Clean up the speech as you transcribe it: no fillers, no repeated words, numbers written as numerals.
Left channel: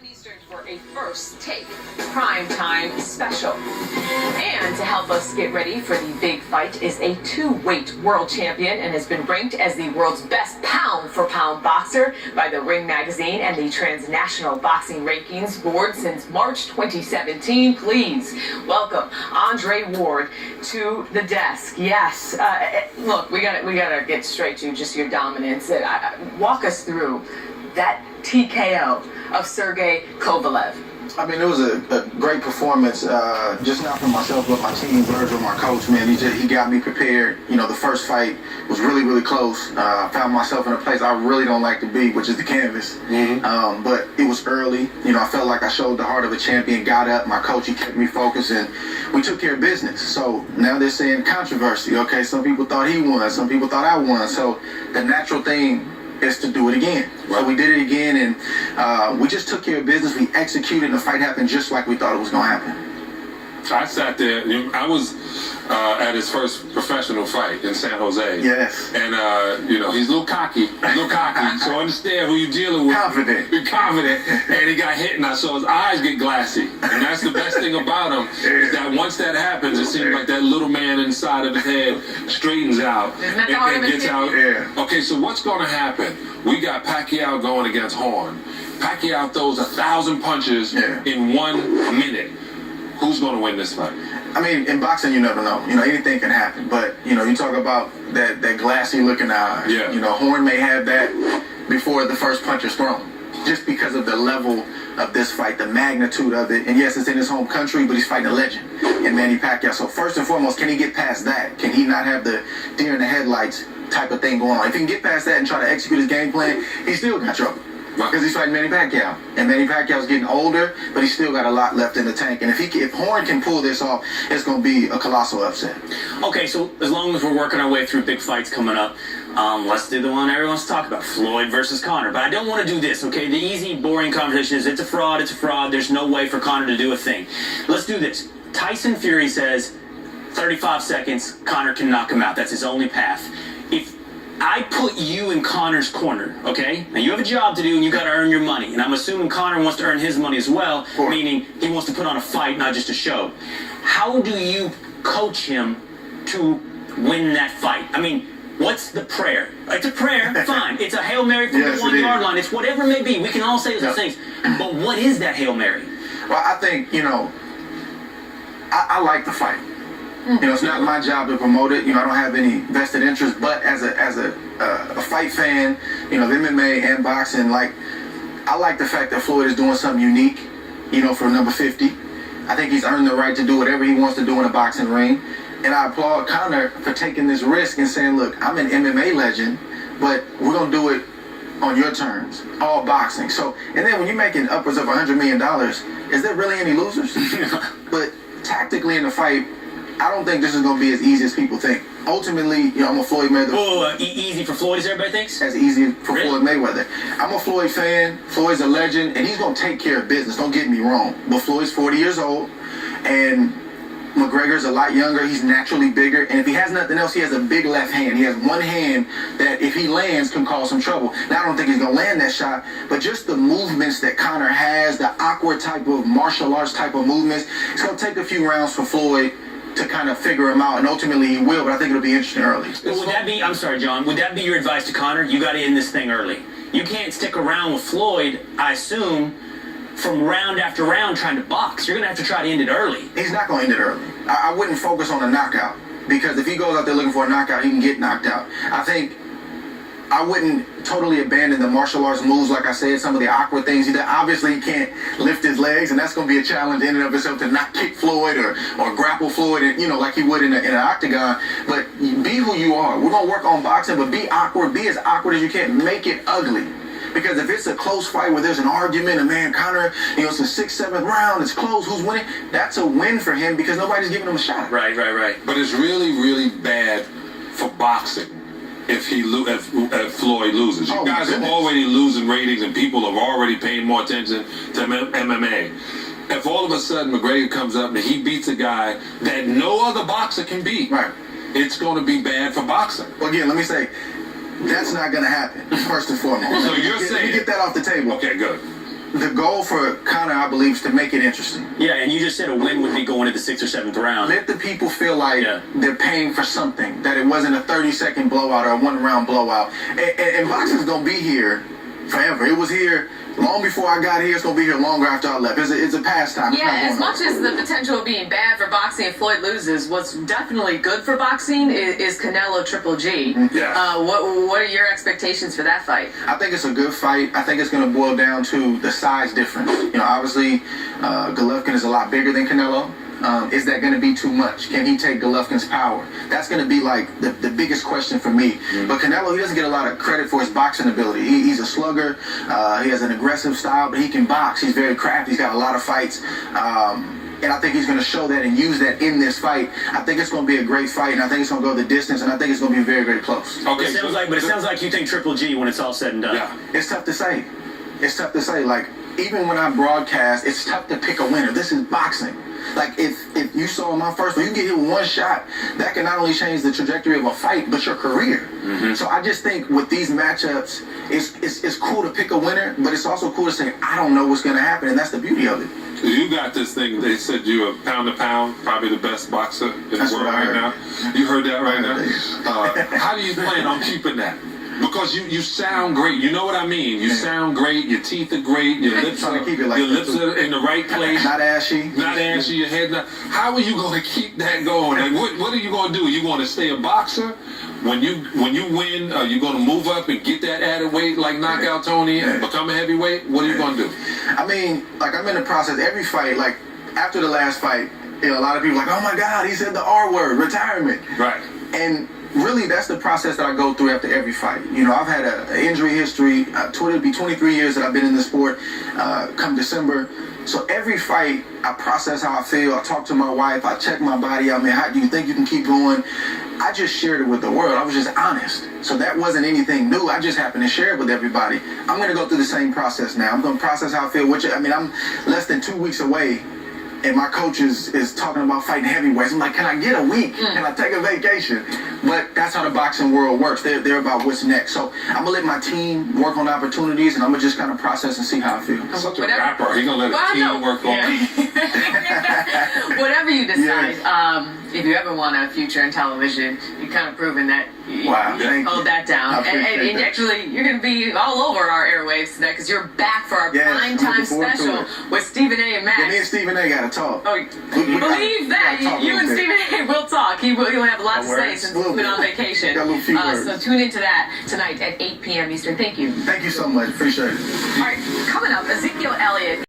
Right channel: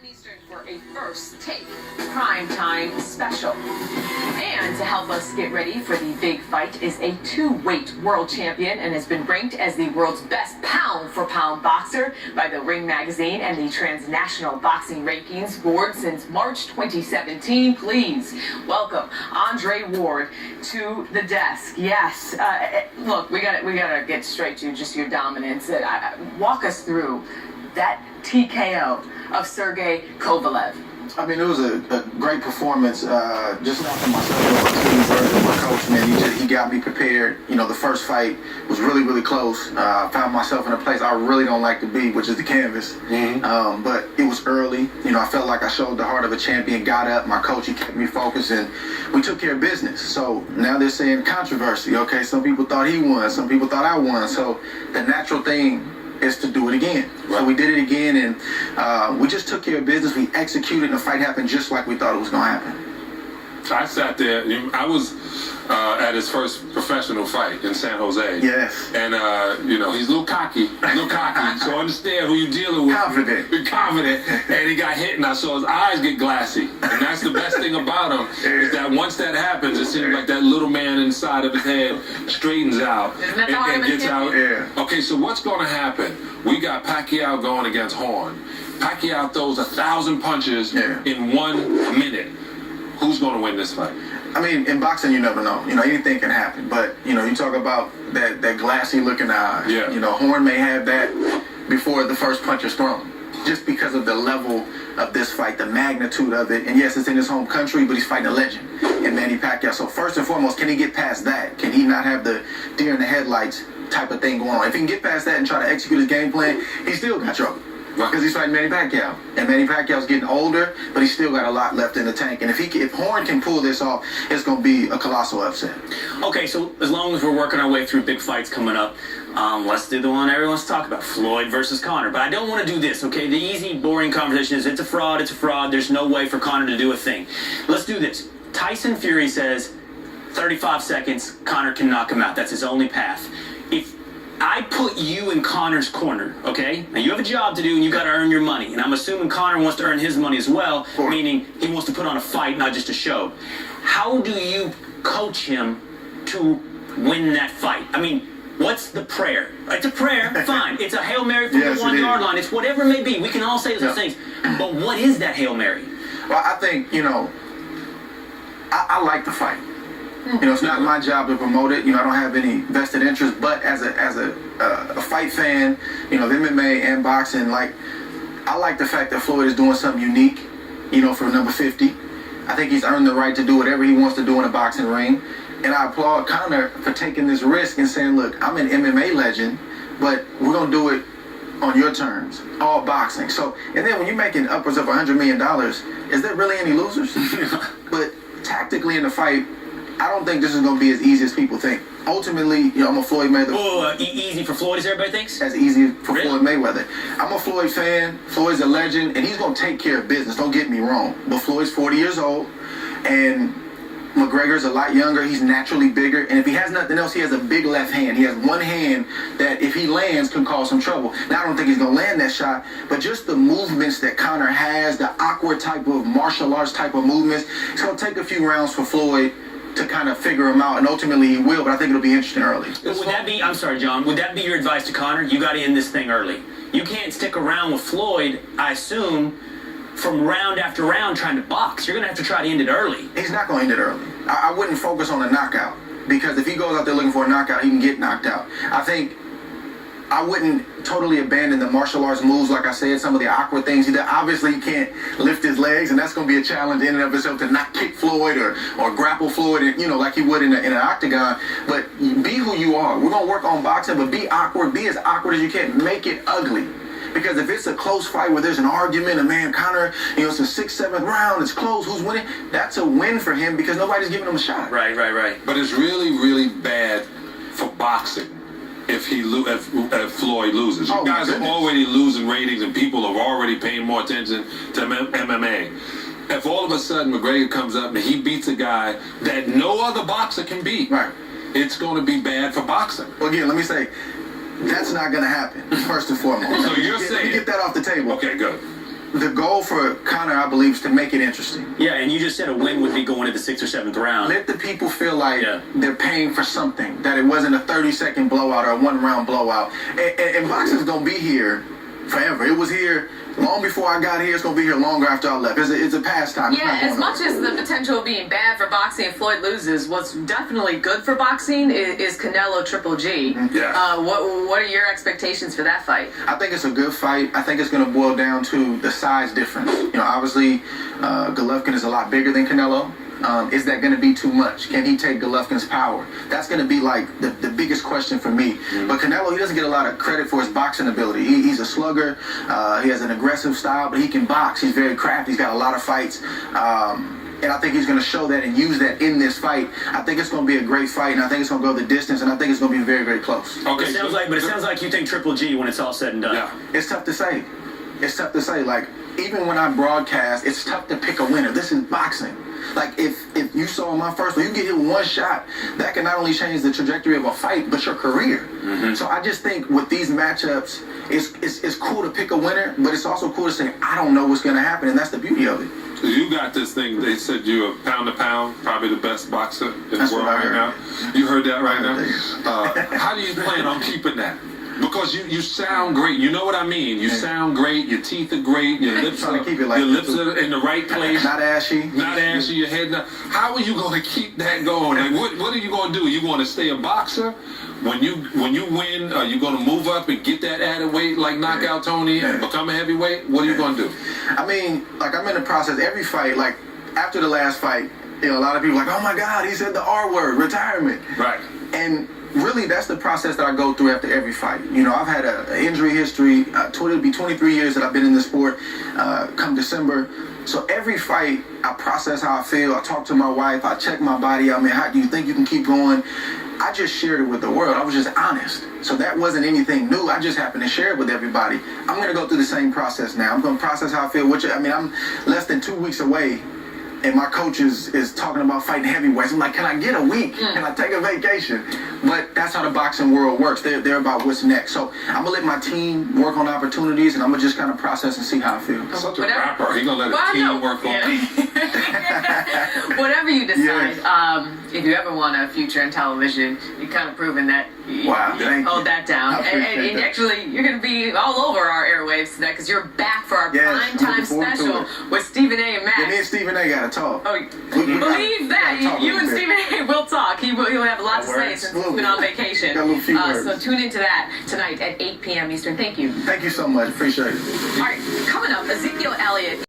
p.m. Eastern for a First Take primetime special. And to help us get ready for the big fight is a two-weight world champion and has been ranked as the world's best pound-for-pound boxer by the Ring Magazine and the Transnational Boxing Rankings Board since March 2017. Please welcome Andre Ward to the desk. Yes, look, we gotta get straight to just your dominance. Walk us through that TKO of Sergey Kovalev. I mean, it was a great performance. Just not for myself, but my team, Virgil, my coach, man. He got me prepared. You know, the first fight was really, really close. Found myself in a place I really don't like to be, which is the canvas. Mm-hmm. But it was early. You know, I felt like I showed the heart of a champion, got up. My coach, he kept me focused, and we took care of business. So now they're saying controversy. Okay, some people thought he won. Some people thought I won. So the natural thing is to do it again. So we did it again, and we just took care of business. We executed, and the fight happened just like we thought it was going to happen. I sat there. I was at his first professional fight in San Jose. Yes. And, you know, he's a little cocky. So understand who you're dealing with. Confident. And he got hit, and I saw his eyes get glassy. And that's the best thing about him, is that once that happens, it seems like that little man inside of his head straightens out and gets out. Yeah. Okay, so what's going to happen? We got Pacquiao going against Horn. Pacquiao throws 1,000 punches in 1 minute. Who's going to win this fight? I mean, in boxing, you never know. You know, anything can happen. But, you know, you talk about that glassy-looking eye. Yeah. You know, Horn may have that before the first punch is thrown, just because of the level of this fight, the magnitude of it. And, yes, it's in his home country, but he's fighting a legend in Manny Pacquiao. So, first and foremost, can he get past that? Can he not have the deer in the headlights type of thing going on? If he can get past that and try to execute his game plan, he still got trouble. Because he's fighting Manny Pacquiao, and Manny Pacquiao's getting older, but he's still got a lot left in the tank. And if Horn can pull this off, it's going to be a colossal upset. Okay, so as long as we're working our way through big fights coming up, let's do the one everyone's talking about, Floyd versus Conor. But I don't want to do this, okay? The easy, boring conversation is it's a fraud, there's no way for Conor to do a thing. Let's do this. Tyson Fury says 35 seconds, Conor can knock him out. That's his only path. If I put you in Conor's corner, okay? Now you have a job to do and you got to earn your money. And I'm assuming Conor wants to earn his money as well, meaning he wants to put on a fight, not just a show. How do you coach him to win that fight? I mean, what's the prayer? It's a prayer, fine. It's a Hail Mary from the 1-yard line. It's whatever it may be. We can all say those things. But what is that Hail Mary? Well, I think, you know, I like the fight. You know, it's not my job to promote it. You know, I don't have any vested interest. But as a fight fan, you know, of MMA and boxing, like, I like the fact that Floyd is doing something unique, you know, for number 50. I think he's earned the right to do whatever he wants to do in a boxing ring. And I applaud Conor for taking this risk and saying, look, I'm an MMA legend, but we're going to do it on your terms, all boxing. So, and then when you're making upwards of $100 million, is there really any losers? But tactically in the fight, I don't think this is going to be as easy as people think. Ultimately, you know, I'm a Floyd Mayweather. Oh, easy for Floyd, as everybody thinks? As easy for Floyd Mayweather. I'm a Floyd fan. Floyd's a legend, and he's going to take care of business. Don't get me wrong. But Floyd's 40 years old, and McGregor's a lot younger. He's naturally bigger, and if he has nothing else, he has a big left hand. He has one hand that, if he lands, can cause some trouble. Now, I don't think he's going to land that shot, but just the movements that Conor has, the awkward type of martial arts type of movements, it's going to take a few rounds for Floyd to kind of figure him out, and ultimately he will, but I think it'll be interesting early. Would that be, I'm sorry, John, would that be your advice to Conor? You got to end this thing early. You can't stick around with Floyd, I assume, from round after round trying to box. You're going to have to try to end it early. He's not going to end it early. I wouldn't focus on the knockout, because if he goes out there looking for a knockout, he can get knocked out. I think I wouldn't totally abandon the martial arts moves, like I said, some of the awkward things he does. Obviously, he can't lift his legs, and that's going to be a challenge in and of itself to not kick Floyd or grapple Floyd, and, you know, like he would in an octagon. But be who you are. We're going to work on boxing, but be awkward. Be as awkward as you can. Make it ugly. Because if it's a close fight where there's an argument, and man, Conor, you know, it's a 6th, 7th round, it's close, who's winning? That's a win for him because nobody's giving him a shot. Right. But it's really, really bad for boxing if Floyd loses. You guys are already losing ratings, and people are already paying more attention to MMA. If all of a sudden McGregor comes up and he beats a guy that no other boxer can beat, it's going to be bad for boxing. Well, again, let me say, that's not going to happen, first and foremost. So you're saying... Let me get that off the table. Okay, good. the goal for Conor, I believe, is to make it interesting. Yeah, and you just said a win would be going to the 6th or 7th round. Let the people feel like they're paying for something, that it wasn't a 30-second blowout or a one-round blowout. And boxing's going to be here forever. It was here long before I got here. It's going to be here longer after I left. It's a pastime. Yeah, as much as the potential of being bad for boxing if Floyd loses, what's definitely good for boxing is Canelo Triple G. Yeah. What are your expectations for that fight? I think it's a good fight. I think it's going to boil down to the size difference. You know, obviously, Golovkin is a lot bigger than Canelo. Is that going to be too much? Can he take Golovkin's power? That's going to be like the biggest question for me. But Canelo, he doesn't get a lot of credit for his boxing ability. He's a slugger. He has an aggressive style, but he can box. He's very crafty. He's got a lot of fights. And I think he's going to show that and use that in this fight. I think it's going to be a great fight, and I think it's going to go the distance, and I think it's going to be very, very close. Okay, It sounds like you think Triple G when it's all said and done. Yeah. It's tough to say. It's tough to say. Like, even when I broadcast, it's tough to pick a winner. This is boxing. Like, if you saw my first one, you get hit with one shot, that can not only change the trajectory of a fight, but your career. So I just think with these matchups, it's cool to pick a winner, but it's also cool to say, I don't know what's going to happen, and that's the beauty of it. You got this thing. They said you're pound to pound, probably the best boxer in the world right now. You heard that right now? How do you plan on keeping that? Because you sound great. You know what I mean? You sound great. Your teeth are great. Your lips are in the right place. Not ashy. Not ashy. Your head not. How are you going to keep that going? Like, what are you going to do? You want to stay a boxer? When you win, are you going to move up and get that added weight like Knockout Tony and become a heavyweight? What are you going to do? I mean, like, I'm in the process. Every fight, like, after the last fight, you know, a lot of people are like, oh my God, he said the R word, retirement. Right. And really, that's the process that I go through after every fight. You know, I've had an injury history. It'll be 23 years that I've been in this sport come December. So every fight, I process how I feel. I talk to my wife. I check my body out. I mean, how do you think you can keep going? I just shared it with the world. I was just honest. So that wasn't anything new. I just happened to share it with everybody. I'm going to go through the same process now. I'm going to process how I feel. I'm less than 2 weeks away. And my coach is talking about fighting heavyweights. I'm like, can I get a week? Can I take a vacation? But that's how the boxing world works. They're about what's next. So I'm going to let my team work on opportunities, and I'm going to just kind of process and see how I feel. Such a rapper. He's going to let his team work on Whatever you decide, if you ever want a future in television, you've kind of proven that you hold that down. And actually, you're going to be all over our airwaves tonight because you're back for our primetime special with Stephen A. and Max. Yeah, me and Stephen A. got to talk. Oh, believe that. You and Stephen A. will talk. He'll have a lot to say since he's been on vacation. So tune into that tonight at 8 p.m. Eastern. Thank you. Thank you so much. Appreciate it. All right, coming up, Ezekiel Elliott.